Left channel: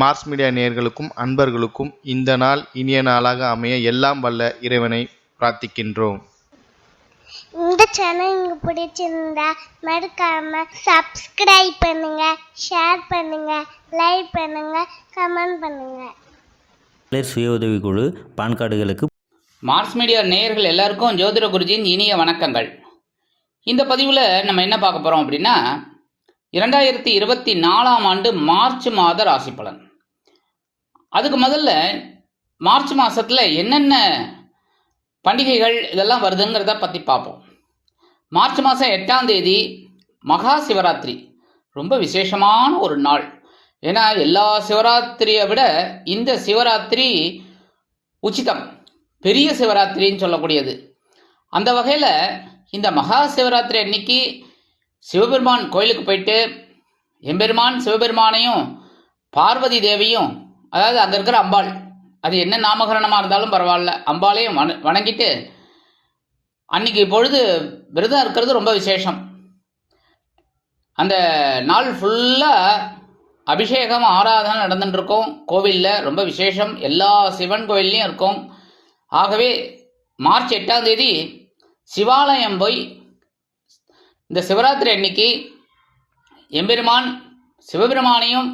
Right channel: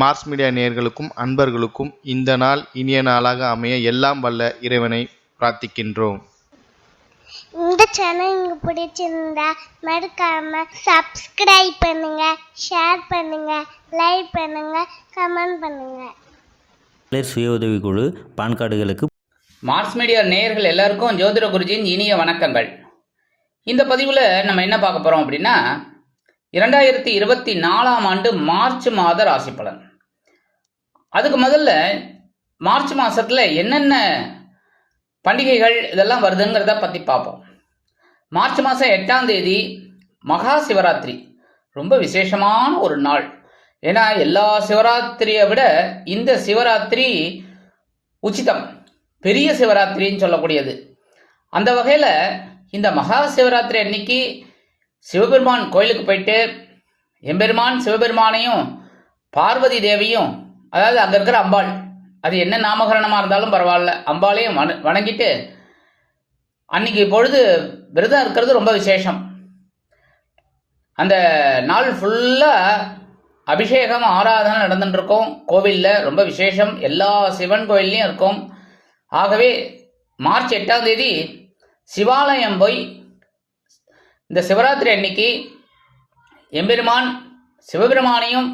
Mars media நேயர்களுக்கும் அன்பர்களுக்கும் இந்த நாள் இனிய நாளாக அமைய எல்லாம் வல்ல இறைவனை பிரார்த்திக்கின்றோம். இந்த சேனல் உங்களுக்கு பிடிச்சிருந்தா மறக்காம சப்ஸ்கிரைப் பண்ணுங்க, ஷேர் பண்ணுங்க, லைக் பண்ணுங்க, கமெண்ட் பண்ணுங்க. சுய உதவிக்குழு பான் கார்டுகளுக்கு மார்ஸ் மீடியா நேயர்கள் எல்லாருக்கும் ஜோதிட குருஜியின் இனிய வணக்கங்கள். இந்த பதிவில் நம்ம என்ன பார்க்க போகிறோம் அப்படின்னா 2024ஆம் ஆண்டு மார்ச் மாத ராசி பலன். அதுக்கு முதல்ல மார்ச் மாதத்தில் என்னென்ன பண்டிகைகள் இதெல்லாம் வருதுங்கிறத பற்றி பார்ப்போம். மார்ச் மாதம் 8ஆம் தேதி மகா சிவராத்திரி, ரொம்ப விசேஷமான ஒரு நாள். ஏன்னா எல்லா சிவராத்திரியை விட இந்த சிவராத்திரி உச்சிதம், பெரிய சிவராத்திரின்னு சொல்லக்கூடியது. அந்த வகையில் இந்த மகா சிவராத்திரி அன்னைக்கு சிவபெருமான் கோயிலுக்கு போயிட்டு எம்பெருமான் சிவபெருமானையும் பார்வதி தேவியும், அதாவது அங்கே இருக்கிற அம்பாள், அது என்ன நாமகரணமாக இருந்தாலும் பரவாயில்ல, அம்பாளையும் வணங்கிட்டு அன்னைக்கு பொழுது விரதம் இருக்கிறது ரொம்ப விசேஷம். அந்த நாள் ஃபுல்லாக அபிஷேகம் ஆராதனை நடந்துட்டு இருக்கும் கோவிலில், ரொம்ப விசேஷம். எல்லா சிவன் கோயில்லையும் இருக்கும். ஆகவே மார்ச் 8ஆம் தேதி சிவாலயம் போய் இந்த சிவராத்திரி அன்னைக்கு எம்பெருமான் சிவபெருமானையும்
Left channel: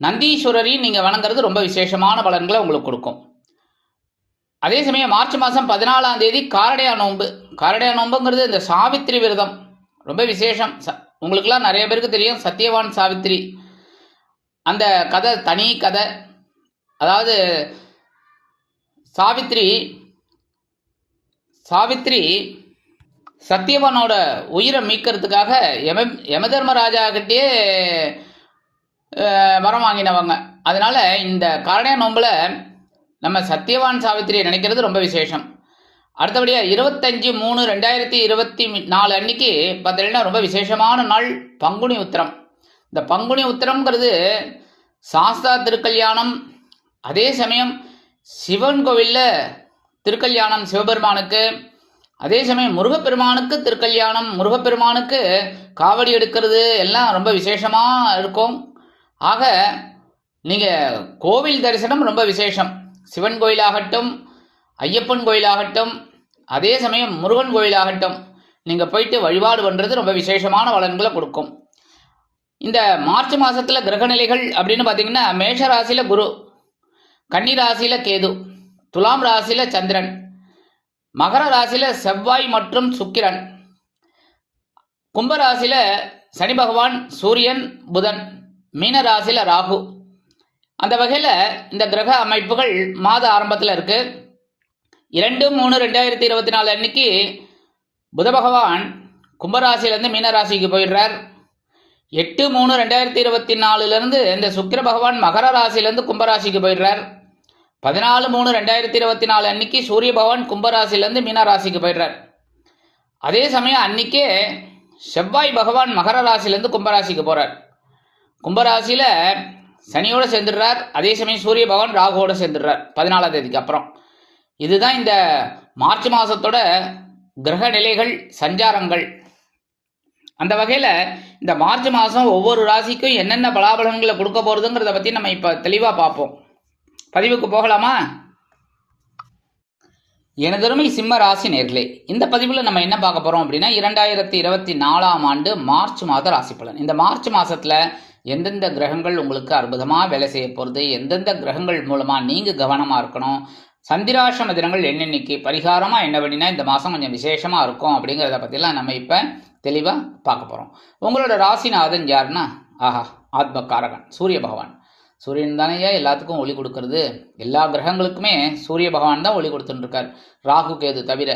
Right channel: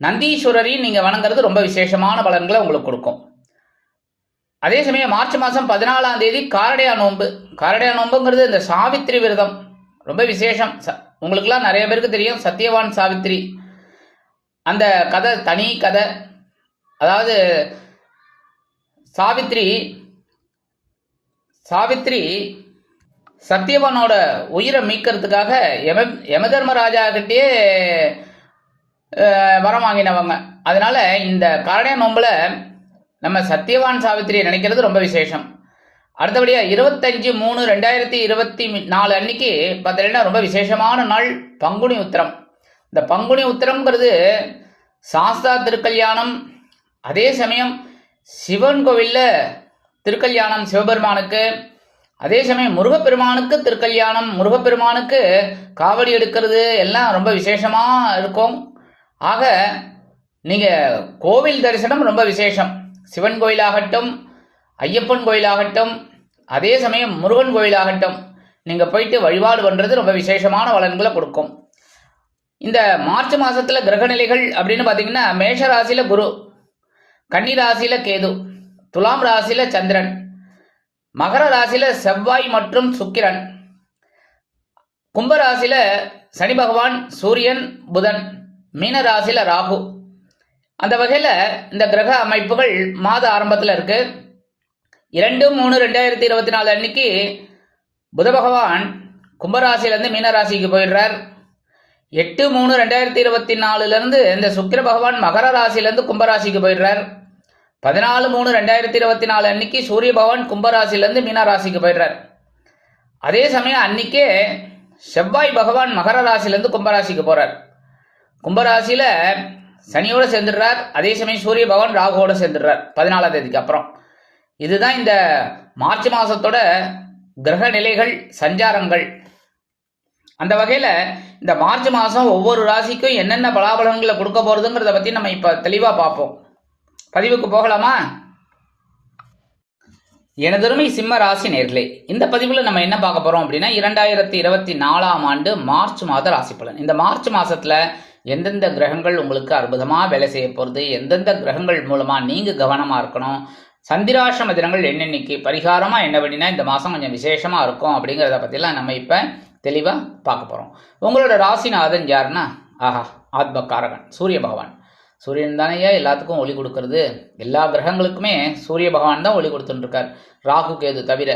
நந்தீஸ்வரரையும் நீங்கள் வணங்குறது ரொம்ப விசேஷமான பலன்களை உங்களுக்கு கொடுக்கும். அதே சமயம் மார்ச் மாதம் 14ஆம் தேதி காரடையா நோன்பு. காரடையா நோன்புங்கிறது இந்த சாவித்திரி விரதம், ரொம்ப விசேஷம். உங்களுக்கெல்லாம் நிறைய பேருக்கு தெரியும் சத்தியவான் சாவித்திரி. அந்த கதை தனி கதை. அதாவது சாவித்திரி சத்தியவானோட உயிரை மீட்கிறதுக்காக யமதர்மராஜா கிட்டே வரம் வாங்கினவங்க. அதனால இந்த காரடையா நோம்பில் நம்ம சத்தியவான் சாவித்திரியை நினைக்கிறது ரொம்ப விசேஷம். அடுத்தபடியாக 25/3/2024 அன்னைக்கு பார்த்தீங்கன்னா ரொம்ப விசேஷமான நாள் பங்குனி உத்திரம். இந்த பங்குனி உத்திரம்ங்கிறது சாஸ்தா திருக்கல்யாணம். அதே சமயம் சிவன் கோவிலில் திருக்கல்யாணம் சிவபெருமானுக்கு, அதே சமயம் முருகப்பெருமானுக்கு திருக்கல்யாணம், முருகப்பெருமானுக்கு காவடி எடுக்கிறது எல்லாம் ரொம்ப விசேஷமாக இருக்கும். ஆக நீங்கள் கோவில் தரிசனம் ரொம்ப விசேஷம். சிவன் கோயிலாகட்டும், ஐயப்பன் கோயிலாகட்டும், அதே சமயம் முருகன் கோயிலாகட்டும், நீங்கள் போயிட்டு வழிபாடு பண்ணுறது ரொம்ப விசேஷமான பலன்களை கொடுக்கும். இந்த மார்ச் மாதத்தில் கிரகநிலைகள் அப்படின்னு பார்த்தீங்கன்னா மேஷ ராசியில் குரு, கன்னி ராசியில் கேது, துலாம் ராசியில் சந்திரன், மகர ராசியில் செவ்வாய் மற்றும் சுக்கிரன், கும்பராசியில் சனி பகவான், சூரியன், புதன், மீன ராசியில் ராகு. அந்த வகையில் இந்த கிரக அமைப்புகள் மாத ஆரம்பத்தில் இருக்கு. 2/3/2024 அன்னைக்கு புத பகவான் கும்பராசியிலேருந்து மீன ராசிக்கு போயிடுறார். 8/3/2024 இந்த சுக்கிர பகவான் மகர ராசியிலேருந்து கும்பராசிக்கு போயிடுறார். 14/3/2024 அன்னைக்கு சூரிய பகவான் கும்பராசிலேருந்து மீன ராசிக்கு போயிடுறார். அதே சமயம் அன்னைக்கே செவ்வாய் பகவான் மகர ராசிலேருந்து கும்பராசிக்கு போகிறார். கும்பராசியில் சனியோடு சேர்ந்துடுறார். அதே சமயம் சூரிய பகவான் ராகுவோடு சேர்ந்துடுறார் 14ஆம் தேதிக்கு அப்புறம். இதுதான் இந்த மார்ச் மாதத்தோட கிரக நிலைகள், சஞ்சாரங்கள். அந்த வகையில் இந்த மார்ச் மாதம் ஒவ்வொரு ராசிக்கும் என்னென்ன பலாபலன்களை கொடுக்க போகிறதுங்கிறத பற்றி நம்ம இப்போ தெளிவாக பார்ப்போம். பதிவுக்கு போகலாமா? எனதருமை சிம்ம ராசி நேர்களே, இந்த பதிவில் நம்ம என்ன பார்க்க போகிறோம் அப்படின்னா 2024ஆம் ஆண்டு மார்ச் மாத ராசி பலன். இந்த மார்ச் மாதத்தில் எந்தெந்த கிரகங்கள் உங்களுக்கு அற்புதமாக வேலை செய்ய போகிறது, எந்தெந்த கிரகங்கள் மூலமாக நீங்கள் கவனமாக இருக்கணும், சந்திராசிரம தினங்கள் என்னென்னைக்கு, பரிகாரமாக என்ன பண்ணினா இந்த மாதம் கொஞ்சம் விசேஷமாக இருக்கும் அப்படிங்கிறத பற்றிலாம் நம்ம இப்போ தெளிவாக பார்க்க போகிறோம். உங்களோட ராசிநாதன் யாருன்னா, ஆத்மகாரகன் சூரிய பகவான். சூரியன் தானேயா எல்லாத்துக்கும் ஒளி கொடுக்கறது. எல்லா கிரகங்களுக்குமே சூரிய பகவான் தான் ஒளி கொடுத்துட்டுருக்கார், ராகு கேது தவிர.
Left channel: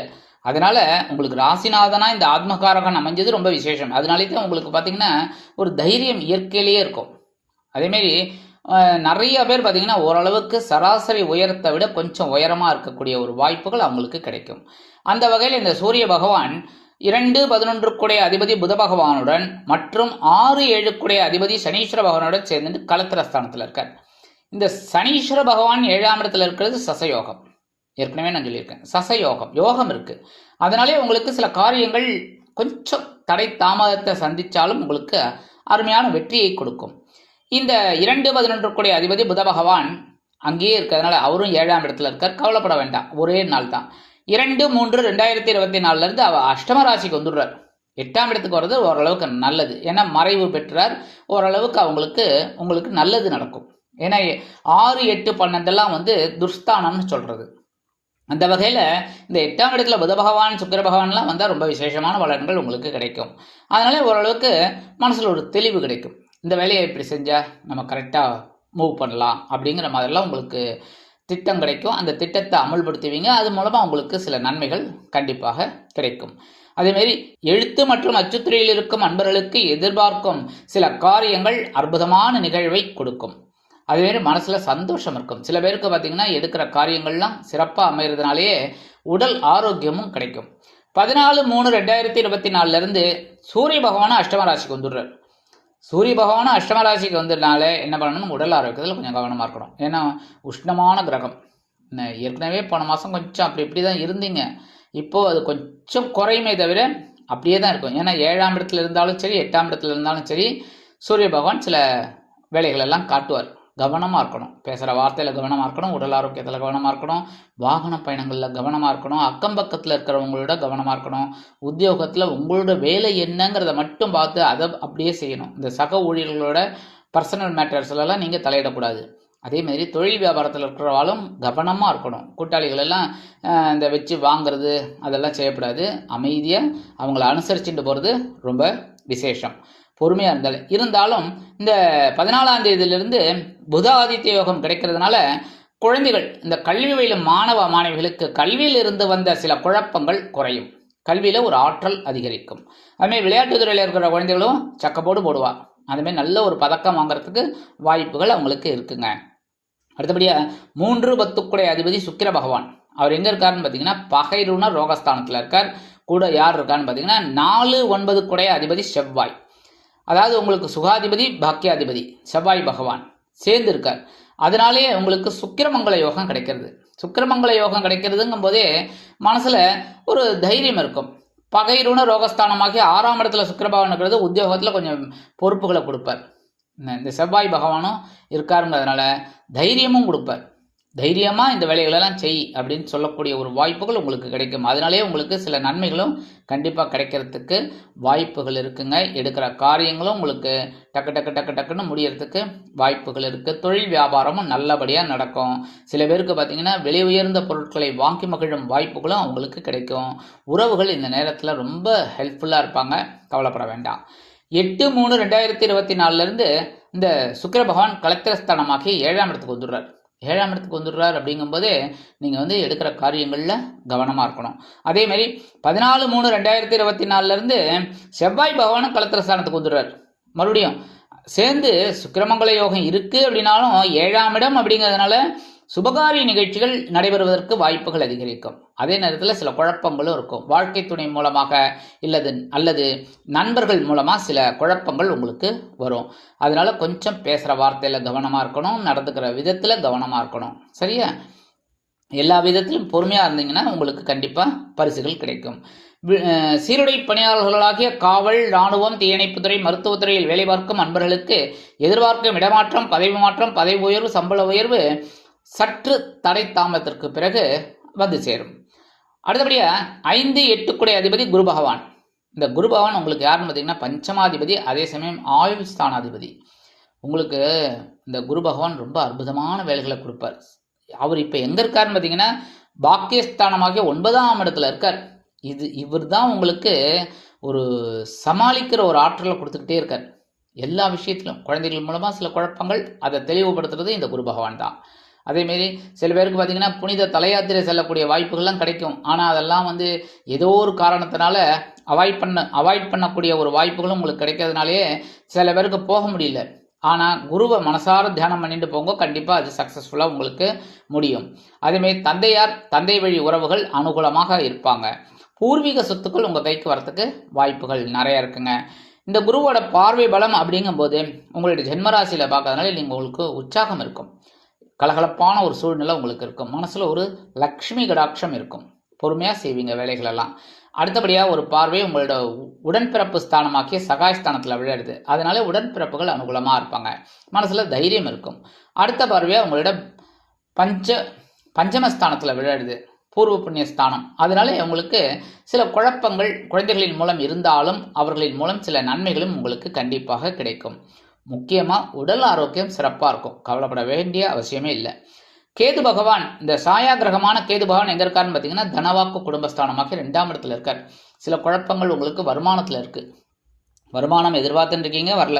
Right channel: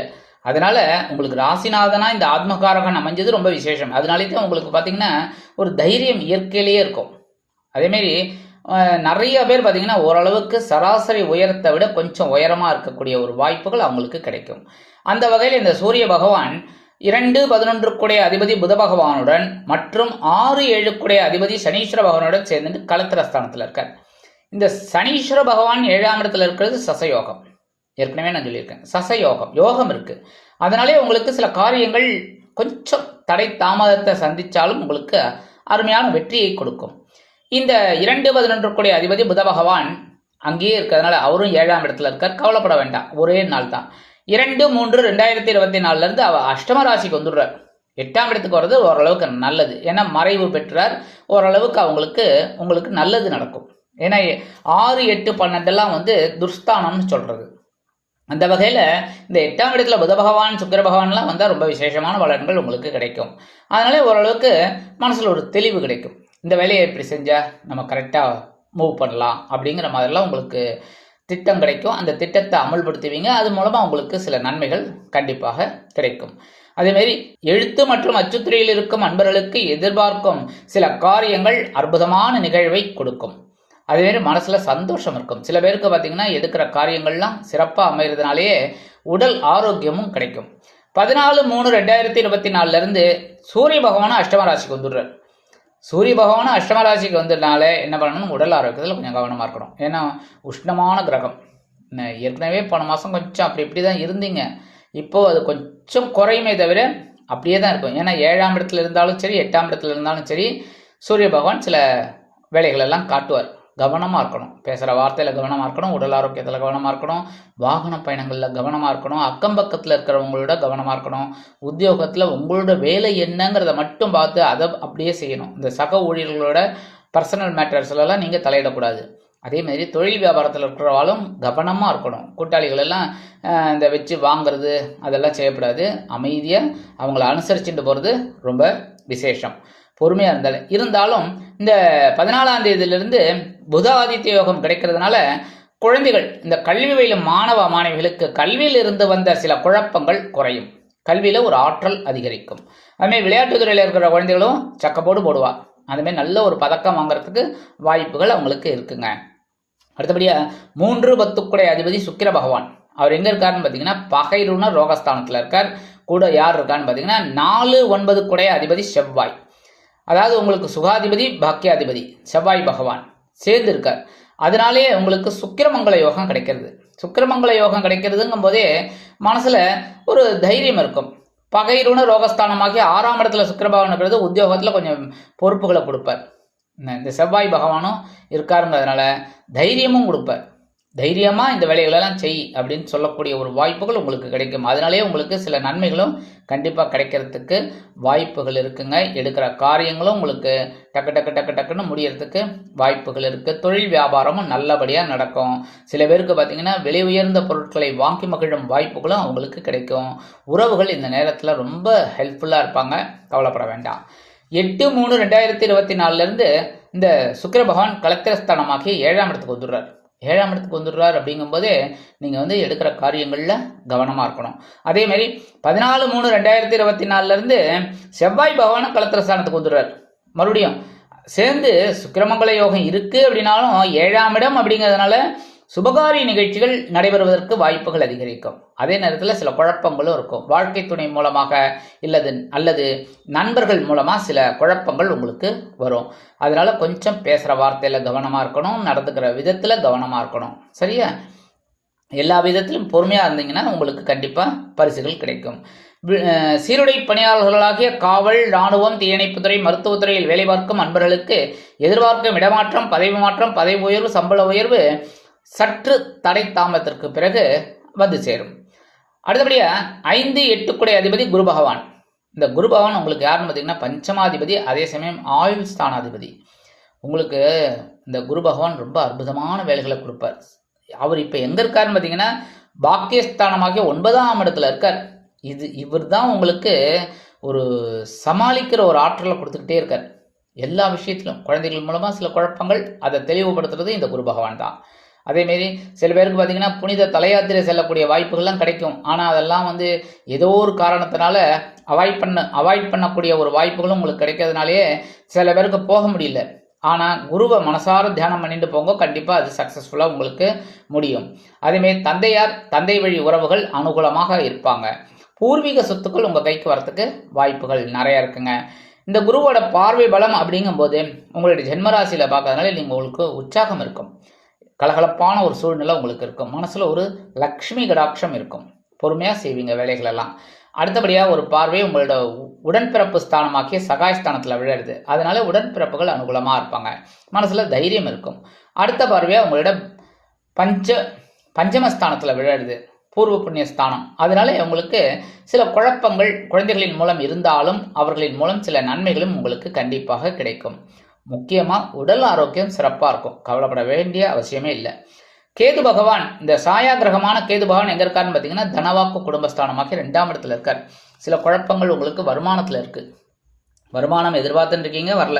அதனால் உங்களுக்கு ராசிநாதனாக இந்த ஆத்மகாரகன் அமைஞ்சது ரொம்ப விசேஷம். அதனாலே தான் உங்களுக்கு பார்த்திங்கன்னா ஒரு தைரியம் இயற்கையிலேயே இருக்கும். அதேமாரி நிறைய பேர் பார்த்திங்கன்னா ஓரளவுக்கு சராசரி உயரத்தை விட கொஞ்சம் உயரமாக இருக்கக்கூடிய ஒரு வாய்ப்புகள் அவங்களுக்கு கிடைக்கும். அந்த வகையில் இந்த சூரிய பகவான் 2-11 அதிபதி புத பகவானுடன் மற்றும் 6-7 அதிபதி சனீஸ்வர பகவானுடன் சேர்ந்து கலத்திரஸ்தானத்தில் இருக்கார். இந்த சனீஸ்வர பகவான் 7ஆம் இடத்துல இருக்கிறது சசயோகம். ஏற்கனவே நான் சொல்லியிருக்கேன், சசயோகம் யோகம் இருக்குது. அதனாலே உங்களுக்கு சில காரியங்கள் கொஞ்சம் தடை தாமதத்தை சந்தித்தாலும் உங்களுக்கு அருமையான வெற்றியை கொடுக்கும். இந்த 2-11 கூடிய அதிபதி புத பகவான் அங்கேயே இருக்கிறதுனால அவரும் 7ஆம் இடத்துல இருக்கார். கவலைப்பட வேண்டாம், ஒரே நாள் தான். 2-3-2024 அவ அஷ்டம ராசிக்கு வந்துடுறார். 8ஆம் இடத்துக்கு வர்றது ஓரளவுக்கு நல்லது. ஏன்னா மறைவு பெற்றார், ஓரளவுக்கு உங்களுக்கு நல்லது நடக்கும். ஏன்னா 6, 8, 12 துர்ஸ்தானம்னு சொல்றது. அந்த வகையில் இந்த 8ஆம் இடத்துல புத பகவான் சுக்கிர பகவான்லாம் வந்தால் ரொம்ப விசேஷமான பலன்கள் உங்களுக்கு கிடைக்கும். அதனால ஓரளவுக்கு மனசில் ஒரு தெளிவு கிடைக்கும். இந்த வேலையை இப்படி செஞ்சால் நம்ம கரெக்டாக மூவ் பண்ணலாம் அப்படிங்கிற மாதிரிலாம் உங்களுக்கு திட்டம் கிடைக்கும். அந்த திட்டத்தை அமல்படுத்துவீங்க. அது மூலமாக உங்களுக்கு சில நன்மைகள் கண்டிப்பாக கிடைக்கும். அதேமாரி எழுத்து மற்றும் அச்சுத்துறையில் இருக்கும் அன்பர்களுக்கு எதிர்பார்க்கும் சில காரியங்கள் அற்புதமான நிகழ்வை கொடுக்கும். அதேமாரி மனசில் சந்தோஷம் இருக்கும். சில பேருக்கு பார்த்திங்கன்னா எடுக்கிற காரியங்கள்லாம் சிறப்பாக அமைகிறதுனாலேயே உடல் ஆரோக்கியமும் கிடைக்கும். 14-3-2024 சூரிய பகவானும் அஷ்டம ராசிக்கு வந்துடுறார். சூரிய பகவானும் அஷ்டம ராசிக்கு வந்ததுனால என்ன பண்ணணும், உடல் ஆரோக்கியத்தில் கொஞ்சம் கவனமாக இருக்கணும். ஏன்னா உஷ்ணமான கிரகம். ஏற்கனவே போன மாதம் கொஞ்சம் இப்படி தான் இருந்தீங்க. இப்போது அது கொஞ்சம் குறையுமே தவிர அப்படியே தான் இருக்கும். ஏன்னா 7ஆம் இடத்துல இருந்தாலும் சரி 8ஆம் இடத்துல இருந்தாலும் சரி சூரிய பகவான் சில வேலைகளெல்லாம் காட்டுவார். கவனமாக இருக்கணும். பேசுகிற வார்த்தையில் கவனமாக இருக்கணும், உடல் ஆரோக்கியத்தில் கவனமாக இருக்கணும், வாகன பயணங்களில் கவனமாக இருக்கணும், அக்கம் பக்கத்தில் இருக்கிறவங்களோட கவனமாக இருக்கணும். உத்தியோகத்தில் உங்களோட வேலை என்னங்கிறத மட்டும் பார்த்து அதை அப்படியே செய்யணும். இந்த சக ஊழியர்களோட பர்சனல் மேட்டர்ஸ்லாம் நீங்கள் தலையிடக்கூடாது. அதேமாதிரி தொழில் வியாபாரத்தில் இருக்கிறவாலும் கவனமாக இருக்கணும். கூட்டாளிகள் எல்லாம் இந்த வச்சு வாங்கிறது அதெல்லாம் செய்யக்கூடாது. அமைதியாக அவங்கள அனுசரிச்சுட்டு போகிறது ரொம்ப விசேஷம். பொறுமையாக இருந்தாலும் இந்த 14ஆம் தேதியிலிருந்து புத ஆதித்ய யோகம் கிடைக்கிறதுனால குழந்தைகள், இந்த கல்வி பயிலும் மாணவ மாணவிகளுக்கு கல்வியில் இருந்து வந்த சில குழப்பங்கள் குறையும். கல்வியில் ஒரு ஆற்றல் அதிகரிக்கும். அதுமாதிரி விளையாட்டுத்துறையில் இருக்கிற குழந்தைகளும் சக்கப்போடு போடுவா. அதுமாதிரி நல்ல ஒரு பதக்கம் வாங்குறதுக்கு வாய்ப்புகள் அவங்களுக்கு இருக்குங்க. அடுத்தபடியாக 3-10 அதிபதி சுக்கிர பகவான். அவர் எங்கே இருக்காருன்னு பார்த்தீங்கன்னா பகைருண ரோகஸ்தானத்தில் இருக்கார். கூட யார் இருக்கான்னு பார்த்தீங்கன்னா 4-9 அதிபதி செவ்வாய். அதாவது உங்களுக்கு சுகாதிபதி பாக்கியாதிபதி செவ்வாய் பகவான் சேர்ந்து இருக்கார். அதனாலேயே உங்களுக்கு சுக்கிரமங்கல யோகம் கிடைக்கிறது. சுக்கிரமங்கல யோகம் கிடைக்கிறதுங்கும் போதே மனசில் ஒரு தைரியம் இருக்கும். பகைருண ரோகஸ்தானமாகி 6ஆம் இடத்துல சுக்கிர பகவான் இருக்கிறது உத்தியோகத்தில் கொஞ்சம் பொறுப்புகளை கொடுப்பார். இந்த செவ்வாய் பகவானும் இருக்காருங்கிறதுனால தைரியமும் கொடுப்பார். தைரியமாக இந்த வேலைகளெல்லாம் செய் அப்படின்னு சொல்லக்கூடிய ஒரு வாய்ப்புகள் உங்களுக்கு கிடைக்கும். அதனாலே உங்களுக்கு சில நன்மைகளும் கண்டிப்பாக கிடைக்கிறதுக்கு வாய்ப்புகள் இருக்குங்க. எடுக்கிற காரியங்களும் உங்களுக்கு டக்குன்னு முடியறதுக்கு வாய்ப்புகள் இருக்குது. தொழில் வியாபாரமும் நல்லபடியாக நடக்கும். சில பேருக்கு பார்த்திங்கன்னா விலை உயர்ந்த பொருட்களை வாங்கி மகிழும் வாய்ப்புகளும் அவங்களுக்கு கிடைக்கும். உறவுகள் இந்த நேரத்தில் ரொம்ப ஹெல்ப்ஃபுல்லாக இருப்பாங்க. கவலைப்பட வேண்டாம். 8-3-2024 இந்த சுக்கிர பகவான் கலத்திரஸ்தானமாகி 7ஆம் இடத்துக்கு வந்துடுறார். 7ஆம் இடத்துக்கு வந்துடுறார் அப்படிங்கும்போதே நீங்கள் எடுக்கிற காரியங்களில் கவனமாக இருக்கணும். அதேமாதிரி 14-3-2024 செவ்வாய் பகவானும் கலத்திரஸ்தானத்துக்கு வந்துடுறார். மறுபடியும் சேர்ந்து சுக்கிரமங்கல யோகம் இருக்குது அப்படின்னாலும் 7ஆம் இடம் அப்படிங்கிறதுனால சுபகாரிய நிகழ்ச்சிகள் நடைபெறுவதற்கு வாய்ப்புகள் அதிகரிக்கும். அதே நேரத்தில் சில குழப்பங்களும் இருக்கும். வாழ்க்கை துணை மூலமாக அல்லது நண்பர்கள் மூலமாக சில குழப்பங்கள் உங்களுக்கு வரும். அதனால கொஞ்சம் பேசுகிற வார்த்தையில் கவனமாக இருக்கணும், நடந்துக்கிற விதத்தில் கவனமாக இருக்கணும். சரியா? எல்லா விதத்திலும் பொறுமையாக இருந்தீங்கன்னா உங்களுக்கு கண்டிப்பாக பரிசுகள் கிடைக்கும். சீருடை பணியாளர்களாகிய காவல், இராணுவம், தீயணைப்புத்துறை, மருத்துவத்துறையில் வேலை பார்க்கும் அன்பர்களுக்கு எதிர்பார்க்கும் இடமாற்றம், பதவி மாற்றம், பதவி உயர்வு, சம்பள உயர்வு சற்று தடை தாமதத்திற்கு பிறகு வந்து சேரும். அடுத்தபடியாக 5-8 அதிபதி குரு பகவான். இந்த குரு பகவான் உங்களுக்கு யாருன்னு பார்த்தீங்கன்னா பஞ்சமாதிபதி, அதே சமயம் ஆயுள் ஸ்தானாதிபதி. உங்களுக்கு இந்த குரு பகவான் ரொம்ப அற்புதமான வேலைகளை கொடுப்பார். அவர் இப்போ எங்கே இருக்காருன்னு பார்த்தீங்கன்னா பாக்கியஸ்தானமாகிய 9ஆம் இடத்துல இருக்கார். இவர் தான் உங்களுக்கு ஒரு சமாளிக்கிற ஒரு ஆற்றலை கொடுத்துக்கிட்டே இருக்கார். எல்லா விஷயத்திலும் குழந்தைகள் மூலமாக சில குழப்பங்கள் அதை தெளிவுபடுத்துறது இந்த குரு பகவான் தான். அதேமாரி சில பேருக்கு பார்த்திங்கன்னா புனித தலையாத்திரை செல்லக்கூடிய வாய்ப்புகள்லாம் கிடைக்கும். ஆனால் அதெல்லாம் ஏதோ ஒரு காரணத்தினால அவாய்ட் பண்ணக்கூடிய ஒரு வாய்ப்புகளும் உங்களுக்கு கிடைக்கிறதுனாலே சில பேருக்கு போக முடியல. ஆனால் குருவை மனசார தியானம் பண்ணிட்டு போங்க, கண்டிப்பாக அது சக்ஸஸ்ஃபுல்லாக உங்களுக்கு முடியும். அதேமாரி தந்தை வழி உறவுகள் அனுகூலமாக இருப்பாங்க. பூர்வீக சொத்துக்கள் உங்கள் கைக்கு வரத்துக்கு வாய்ப்புகள் நிறையா இருக்குங்க. இந்த குருவோட பார்வை பலம் அப்படிங்கும்போது உங்களுடைய ஜென்மராசியில் பார்க்கறதுனால உங்களுக்கு உற்சாகம் இருக்கும். கலகலப்பான ஒரு சூழ்நிலை உங்களுக்கு இருக்கும். மனசில் ஒரு லக்ஷ்மி கடாட்சம் இருக்கும். பொறுமையாக செய்வீங்க வேலைகளெல்லாம். அடுத்தபடியாக ஒரு பார்வை உங்களோட உடன்பிறப்பு ஸ்தானமாக்கிய சகாயஸ்தானத்தில் விழுறது. அதனால உடன்பிறப்புகள் அனுகூலமாக இருப்பாங்க, மனசில் தைரியம் இருக்கும். அடுத்த பார்வையாக உங்களோட பஞ்சமஸ்தானத்தில் விழுறது, பூர்வ புண்ணிய ஸ்தானம். அதனால உங்களுக்கு சில குழப்பங்கள் குழந்தைகளின் மூலம் இருந்தாலும் அவர்களின் மூலம் சில நன்மைகளும் உங்களுக்கு கண்டிப்பாக கிடைக்கும். முக்கியமாக உடல் ஆரோக்கியம் சிறப்பாக இருக்கும், கவலைப்பட வேண்டிய அவசியமே இல்லை. கேது பகவான், இந்த சாயா கிரகமான கேது பகவான் எங்கே இருக்காருன்னு பார்த்தீங்கன்னா தனவாக்கு குடும்பஸ்தானமாக்கி 2ஆம் இடத்துல இருக்கார். சில குழப்பங்கள் உங்களுக்கு வருமானத்தில் இருக்குது, வருமானம் எதிர்பார்த்துட்டு இருக்கீங்க வரல.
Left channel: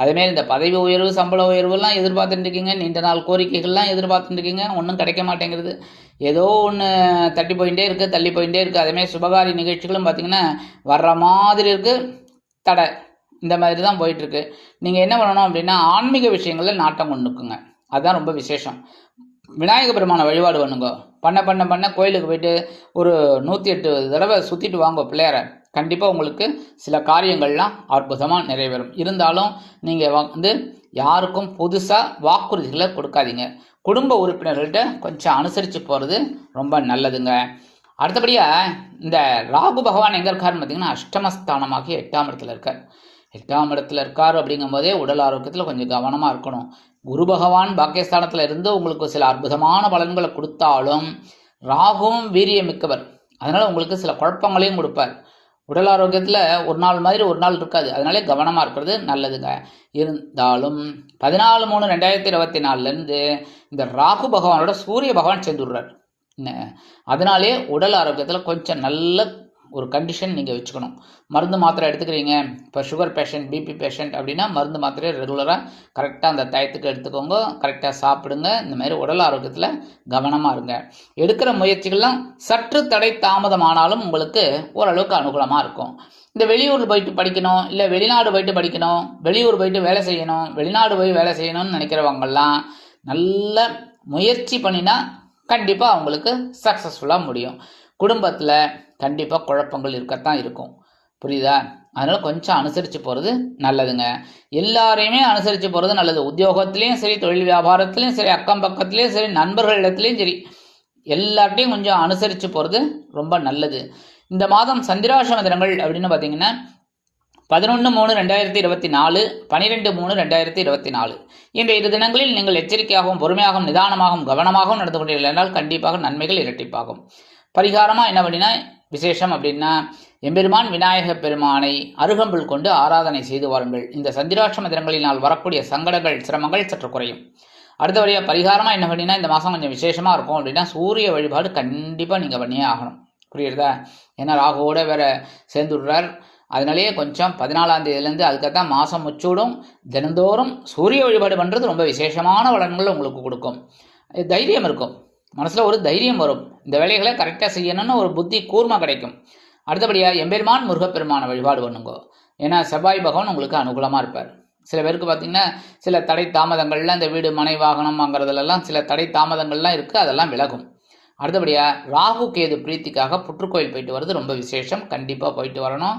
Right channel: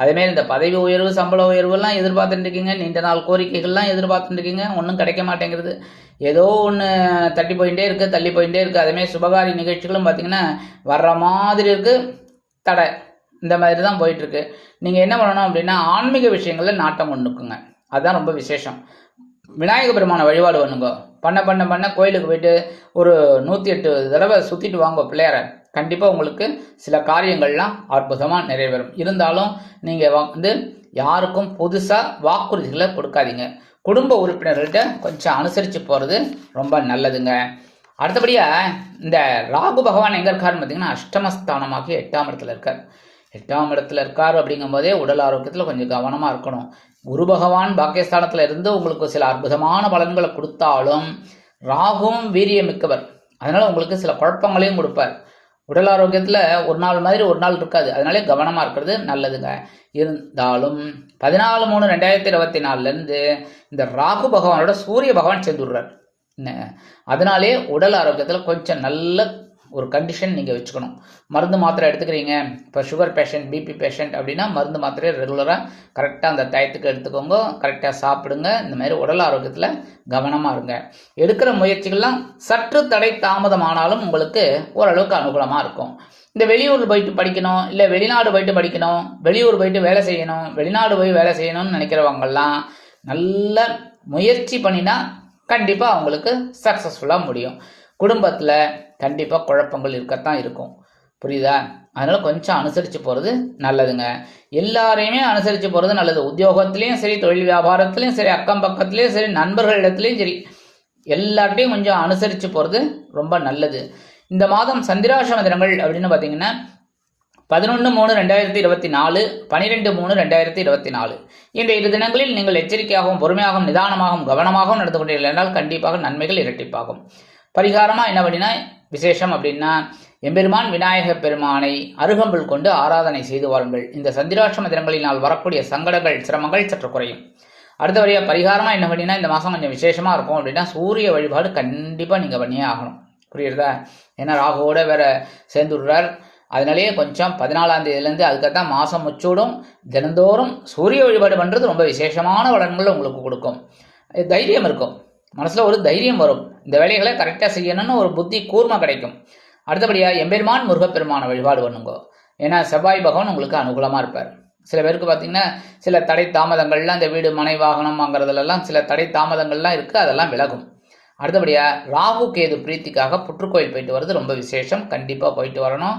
அதேமாரி இந்த பதவி உயர்வு சம்பள உயர்வுலாம் எதிர்பார்த்துட்டு இருக்கீங்க, நீண்ட நாள் கோரிக்கைகள்லாம் எதிர்பார்த்துட்டு இருக்கீங்க, ஒன்றும் கிடைக்க மாட்டேங்கிறது. ஏதோ ஒன்று தள்ளி போயிட்டே இருக்குது. அதேமாதிரி சுபகாரி நிகழ்ச்சிகளும் பார்த்தீங்கன்னா வர்ற மாதிரி இருக்குது, தடை, இந்த மாதிரி தான் போயிட்டுருக்கு. நீங்கள் என்ன பண்ணணும் அப்படின்னா ஆன்மீக விஷயங்களில் நாட்டம் கொண்டுக்குங்க, அதுதான் ரொம்ப விசேஷம். விநாயக பெருமான வழிபாடு பண்ணுங்க. பண்ண கோயிலுக்கு போயிட்டு ஒரு 108 தடவை சுற்றிட்டு வாங்க பிள்ளையார. கண்டிப்பாக உங்களுக்கு சில காரியங்கள்லாம் அற்புதமாக நிறைவேறும். இருந்தாலும் நீங்கள் யாருக்கும் புதுசாக வாக்குறுதிகளை கொடுக்காதீங்க. குடும்ப உறுப்பினர்கள்ட்ட கொஞ்சம் அனுசரித்து போகிறது ரொம்ப நல்லதுங்க. அடுத்தபடியாக இந்த ராகு பகவான் எங்கே இருக்காருன்னு பார்த்தீங்கன்னா அஷ்டமஸ்தானமாகி 8ஆம் இடத்துல இருக்கார். 8ஆம் இடத்துல இருக்கார் அப்படிங்கும்போதே உடல் ஆரோக்கியத்தில் கொஞ்சம் கவனமாக இருக்கணும். குரு பகவான் பாக்கியஸ்தானத்தில் இருந்து உங்களுக்கு சில அற்புதமான பலன்களை கொடுத்தாலும் ராகுவும் வீரியமிக்கவர், அதனால் உங்களுக்கு சில குழப்பங்களையும் கொடுப்பார். உடல் ஆரோக்கியத்தில் ஒரு நாள் மாதிரி ஒரு நாள் இருக்காது, அதனாலே கவனமாக இருக்கிறது நல்லதுங்க. இருந்தாலும் 14/3/2024 இந்த ராகு பகவானோட சூரிய பகவான் சேர்ந்துடுறார். அதனாலே உடல் ஆரோக்கியத்தில் கொஞ்சம் நல்ல ஒரு கண்டிஷன் நீங்கள் வச்சுக்கணும். மருந்து மாத்திரை எடுத்துக்கிறீங்க, இப்போ சுகர் பேஷண்ட், பிபி பேஷண்ட் அப்படின்னா மருந்து மாத்திரையை ரெகுலராக கரெக்டாக அந்த டயத்துக்கு எடுத்துக்கோங்க, கரெக்டாக சாப்பிடுங்க. இந்த மாதிரி உடல் ஆரோக்கியத்தில் கவனமாக இருங்க. எடுக்கிற முயற்சிகள்லாம் சற்று தடை தாமதமானாலும் உங்களுக்கு ஓரளவுக்கு அனுகூலமாக இருக்கும். இந்த வெளியூர் போயிட்டு படிக்கணும், இல்லை வெளிநாடு போயிட்டு படிக்கணும், வெளியூர் போயிட்டு வேலை செய்யணும், வெளிநாடு போய் வேலை செய்யணும்னு நினைக்கிறவங்கெல்லாம் நல்ல முயற்சி பண்ணினா கண்டிப்பாக அவங்களுக்கு சக்ஸஸ்ஃபுல்லாக முடியும். குடும்பத்தில் கண்டிப்பாக குழப்பங்கள் இருக்கத்தான் இருக்கும், புரியுதா? அதனால் கொஞ்சம் அனுசரித்து போகிறது நல்லதுங்க. எல்லாரையுமே அனுசரித்து போகிறது நல்லது. உத்தியோகத்துலேயும் சரி, தொழில் வியாபாரத்துலேயும் சரி, அக்கம் பக்கத்துலேயும் சரி, நண்பர்களிடத்துலேயும் சரி, எல்லார்ட்டையும் கொஞ்சம் அனுசரித்து போகிறது ரொம்ப நல்லது. இந்த மாதம் சந்திராஷ்டம தினங்கள் அப்படின்னு பார்த்தீங்கன்னா 11/3/2024, 12/3/2024. இந்த 2 தினங்களில் நீங்கள் எச்சரிக்கையாகவும் பொறுமையாகவும் நிதானமாகவும் கவனமாகவும் நடந்து கொண்டீர்கள் என்றால் கண்டிப்பாக நன்மைகள் இரட்டிப்பாகும். பரிகாரமாக என்ன அப்படின்னா விசேஷம் அப்படின்னா எம்பெருமான் விநாயக பெருமானை அருகம்புல் கொண்டு ஆராதனை செய்து வாருங்கள். இந்த சந்திராஷ்டம தினங்களினால் வரக்கூடிய சங்கடங்கள் சிரமங்கள் சற்று குறையும். அடுத்தபடியாக பரிகாரமாக என்ன பண்ணினா இந்த மாதம் கொஞ்சம் விசேஷமாக இருக்கும் அப்படின்னா சூரிய வழிபாடு கண்டிப்பாக நீங்கள் பண்ணியே ஆகணும், புரியுறதா? ஏன்னா ராகுவோட வேற சேர்ந்துடுறார். அதனாலேயே கொஞ்சம் 14ஆம் தேதியிலேருந்து அதுக்கத்தான் மாதம் முச்சூடும். தினந்தோறும் சூரிய வழிபாடு பண்ணுறது ரொம்ப விசேஷமான பலன்கள் உங்களுக்கு கொடுக்கும். தைரியம் இருக்கும், மனசில் ஒரு தைரியம் வரும், இந்த வேலைகளை கரெக்டாக செய்யணும்னு ஒரு புத்தி கூர்மை கிடைக்கும். அடுத்தபடியாக எம்பெருமான் முருகப்பெருமான வழிபாடு பண்ணுங்க. ஏன்னா செவ்வாய் பகவான் உங்களுக்கு அனுகூலமாக இருப்பார். சில பேருக்கு பார்த்திங்கன்னா சில தடை தாமதங்கள்லாம் இந்த வீடு மனை வாகனம் வாங்குறதுலலாம் சில தடை தாமதங்கள்லாம் இருக்குது, அதெல்லாம் விலகும். அடுத்தபடியாக ராகு கேது பிரீத்திக்காக புற்றுக்கோயில் போயிட்டு வர்றது ரொம்ப விசேஷம், கண்டிப்பாக போயிட்டு வரணும்.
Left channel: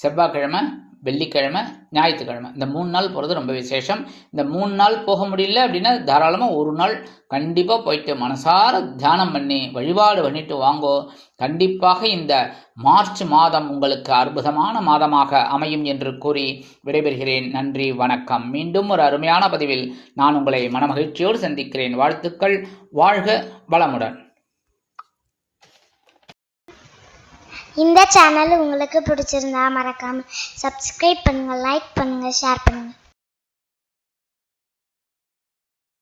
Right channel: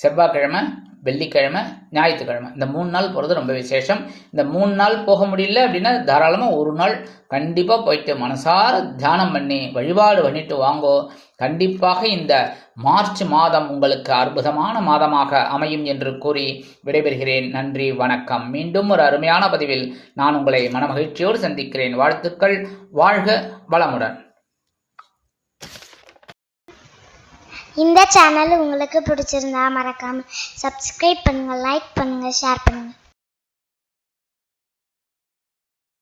செவ்வாய்க்கிழமை, வெள்ளிக்கிழமை, ஞாயிற்றுக்கிழமை இந்த 3 நாள் போகிறது ரொம்ப விசேஷம். இந்த 3 நாள் போக முடியல அப்படின்னா தாராளமாக ஒரு நாள் கண்டிப்பாக போயிட்டு மனசார தியானம் பண்ணி வழிபாடு பண்ணிட்டு வாங்கோ. கண்டிப்பாக இந்த மார்ச் மாதம் உங்களுக்கு அற்புதமான மாதமாக அமையும் என்று கூறி விடைபெறுகிறேன். நன்றி, வணக்கம். மீண்டும் ஒரு அருமையான பதிவில் நான் உங்களை மனமகிழ்ச்சியோடு சந்திக்கிறேன். வாழ்த்துக்கள். வாழ்க வளமுடன். இந்த சேனல் உங்களுக்கு பிடிச்சிருந்தா மறக்காம சப்ஸ்கிரைப் பண்ணுங்க, லைக் பண்ணுங்க, ஷேர் பண்ணுங்க.